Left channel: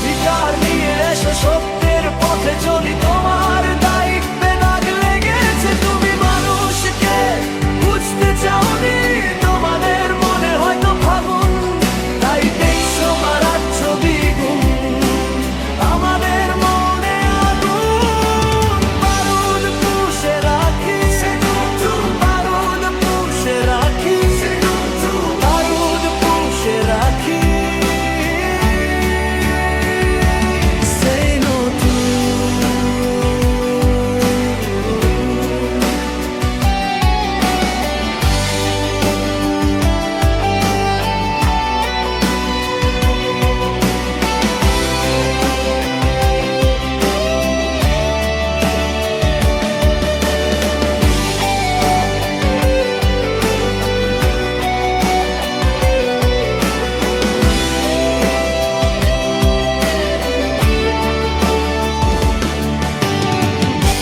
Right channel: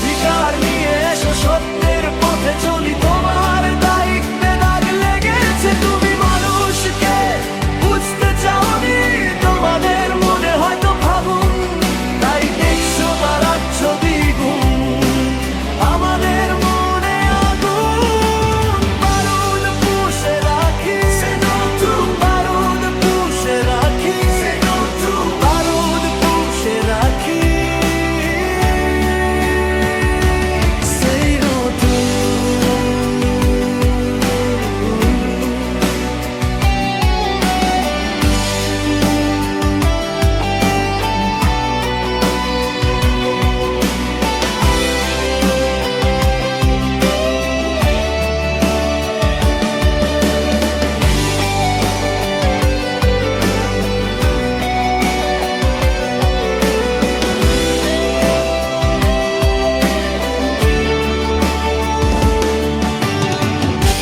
অধিকার নিয়ে এসো, সত্যের পথে চলি, তোমার দায়িত্বে দাগ লেগেছে। তুমি মানুষকে বুঝতে চাওনি, তোমাদের মনে হয়তো ফাগুন, তাই দেখছো বাড়াচ্ছ দ্বিগুণ। আমাদের মনে আগুন, বারুদ পুষে রাখি, বারুদ পুষে রাখি, বারুদ পুষে রাখি।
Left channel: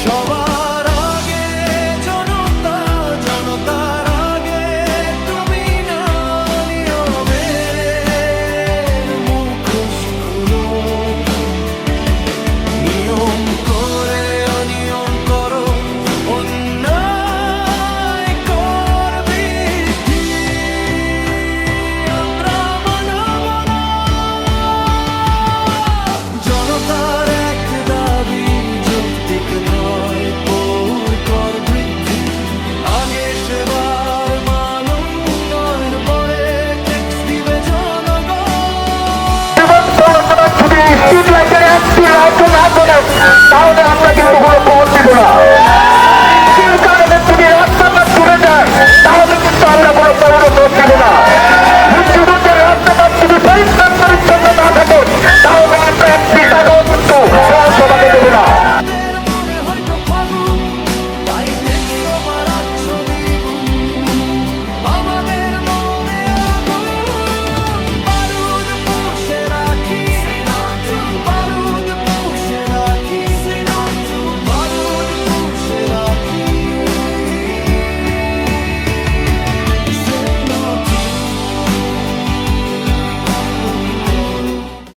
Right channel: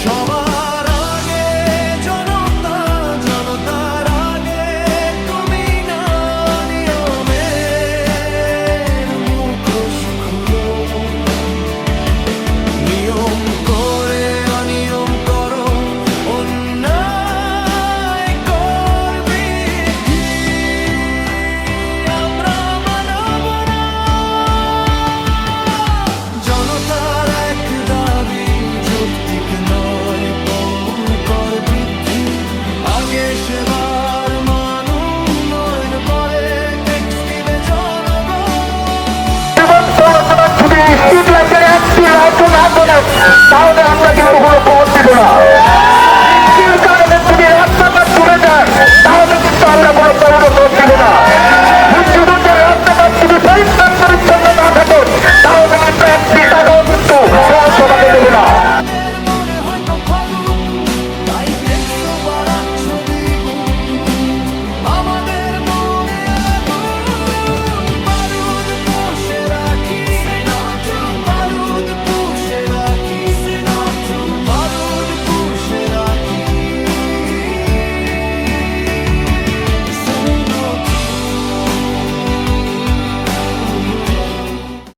সবার আগে জনতা, জনতার আগে তুমি না, নিয়মের মুখোশ খুলো। নিয়ম করে অনিয়ম করো, অন্যায় করবি কি আমরা মানব না। জনতার এক দাবি যৌক্তিক নয়, পৌর কর বৃদ্ধি, আগে সেবার মান উন্নয়ন, পরে ট্যাক্স দিবে জনগণ। তাহলে আমরা কিন্তু কোনো খবর দিব না। কারণে যদি রাস্তাটা চলে যায় তাহলে কিন্তু আমরা কোনো খবর দিব না। মুক্তিযুদ্ধের রাস্তাটা যদি পরিষ্কার পরিচ্ছন্ন না থাকে তাহলে আমরা একটি টাকাও কিন্তু সমাজে দেব না। মনে হয়তো ফাগুন, তাই দেখছো বাড়া